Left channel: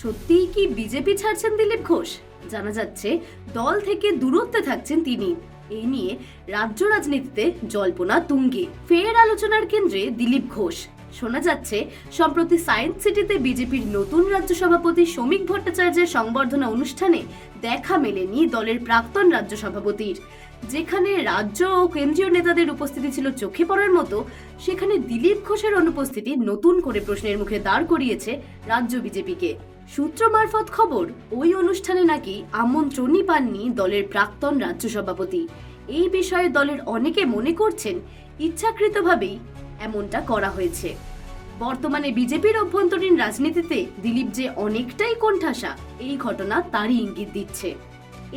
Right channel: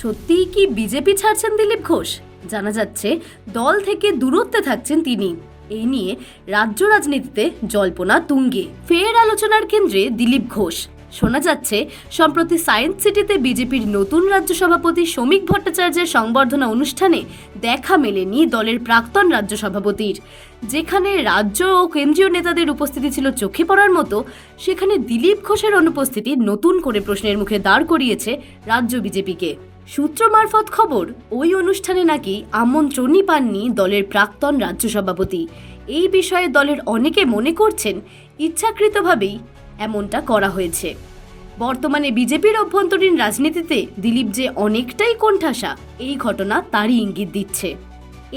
সত্যিই কি বিজেপি ছাড়ছেন দিলীপ ঘোষ? জানা যাচ্ছে, দল থেকে দূরত্বে থাকছেন তিনি। এই নিয়ে রাজ্য রাজনীতিতে জল্পনা তুঙ্গে। ফের আলোচনার কেন্দ্রে দিলীপ ঘোষ। শোনা যাচ্ছে, সম্প্রতি সায়েন্স সিটিতে বিজেপির নতুন রাজ্য সভাপতি শ্রমিক ভট্টাচার্যের সংবর্ধনা অনুষ্ঠানে দেখা মেলেনি দলের প্রাক্তন রাজ্য সভাপতির যেখানে রাজ্য ও কেন্দ্রীয় নেতাদের উপস্থিতি ছিল চোখে পড়ার মতো, সেখানে দিলীপ ঘোষের অনুপস্থিতি নতুন করে প্রশ্নের মুখে দাঁড় করিয়েছে রাজ্য বিজেপিকে। সূত্র মারফত খবর, ওই অনুষ্ঠানে নাকি আমন্ত্রণই পাননি দলের প্রাক্তন রাজ্য সভাপতি। এই বিষয়ে দলের অনেকে মনে করছেন ইচ্ছাকৃতভাবেই এমনটা করা হয়েছে। বর্তমানে বিজেপির অভ্যন্তরীণ রাজনীতিতে দিলীপ যে অনেকটাই কোণঠাসা, এই ঘটনা তারই ইঙ্গিত দিচ্ছে।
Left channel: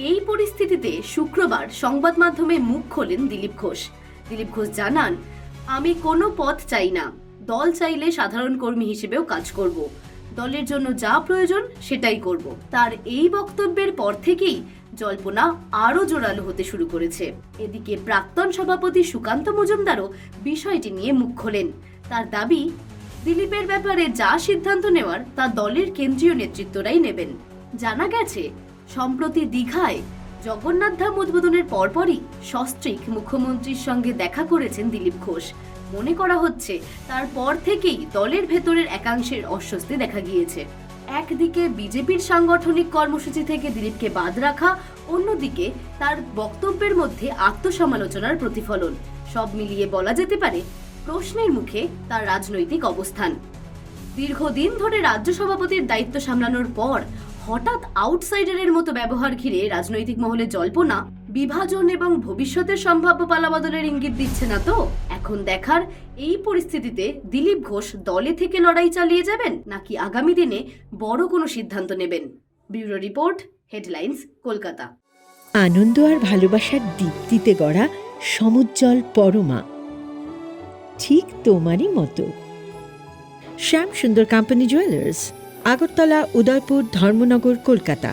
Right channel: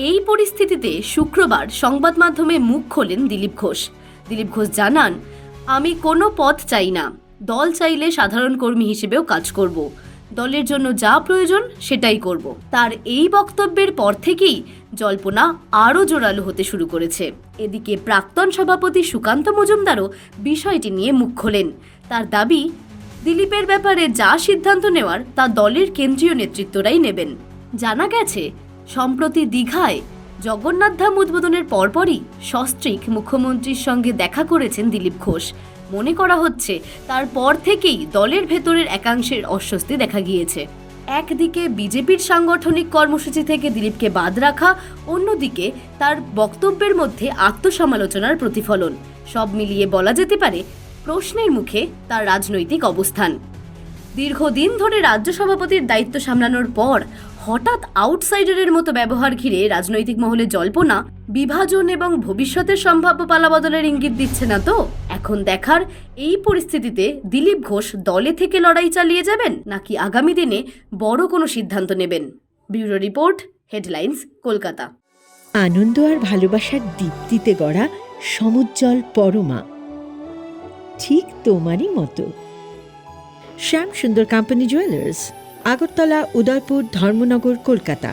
এই পরিস্থিতিতে শুক্রবার সংবাদ মাধ্যমে মুখ খোলেন দিলীপ ঘোষ। দিলীপ ঘোষ জানান, আমি কোনো পথ চাই না। দল চাইলে সাধারণ কর্মী হিসেবেও কাজ করব। দলের জন্য যা প্রয়োজন সেটাই করব। তার এই বক্তব্যের পর থেকেই জল্পনা আরও জোরালো হতে শুরু করেছে। এদিকে প্রাক্তন সভাপতি সুকান্ত মজুমদারও বিষয়টি নিয়ে মুখ খোলেন। তার দাবি, দিলীপের ব্যাপারে যা সিদ্ধান্ত নেওয়ার তা দলের কেন্দ্রীয় নেতৃত্বরাই নেবেন। জানা গেছে, সম্প্রতি দীঘায় জগন্নাথ ধাম উদ্বোধনের পরপরই সস্ত্রীক মুখ্যমন্ত্রীর সঙ্গে দেখা করেছেন দিলীপ ঘোষ। মনে করা হচ্ছে তারপর থেকেই দলের ভেতরের একাংশের অস্বস্তি দেখা গিয়েছে। একদিকে বিজেপির সাংগঠনিক কর্মসূচি থেকে দিলীপকে বাদ রাখা, অন্যদিকে তার বক্তব্যের মধ্যে আত্মসমালোচনার প্রতিফলন। সব মিলিয়ে বলা যেতে পারে, প্রশ্নের মুখে তার রাজনৈতিক অবস্থান। দীর্ঘদিন ধরে রাজ্য সভাপতির দায়িত্ব সামলানোর পর হঠাৎ আউটসাইডারের মতো ব্যবহার ঘিরে রাজনৈতিক মহলে জল্পনা, বিভাজন এবং ভবিষ্যতের সম্ভাব্য পালাবদলের ইঙ্গিত দিচ্ছে না তো? এখন দেখার এই পরিস্থিতিতে দিলীপ ঘোষ দলে থেকে লড়াই চালিয়ে যাবেন নাকি আগামী দিনে বড় কোনো সিদ্ধান্ত নেবেন? Bureau report, headlines, Kolkata. আনন্দ আর ভালোবাসার দীপ্তিতে গড়া সমুজ্জ্বল পরমা। ঠিক তোমারই মতো। Shyam Sundar company jewellers Agartala, Udaipur, Dharmanagar, Kolkata.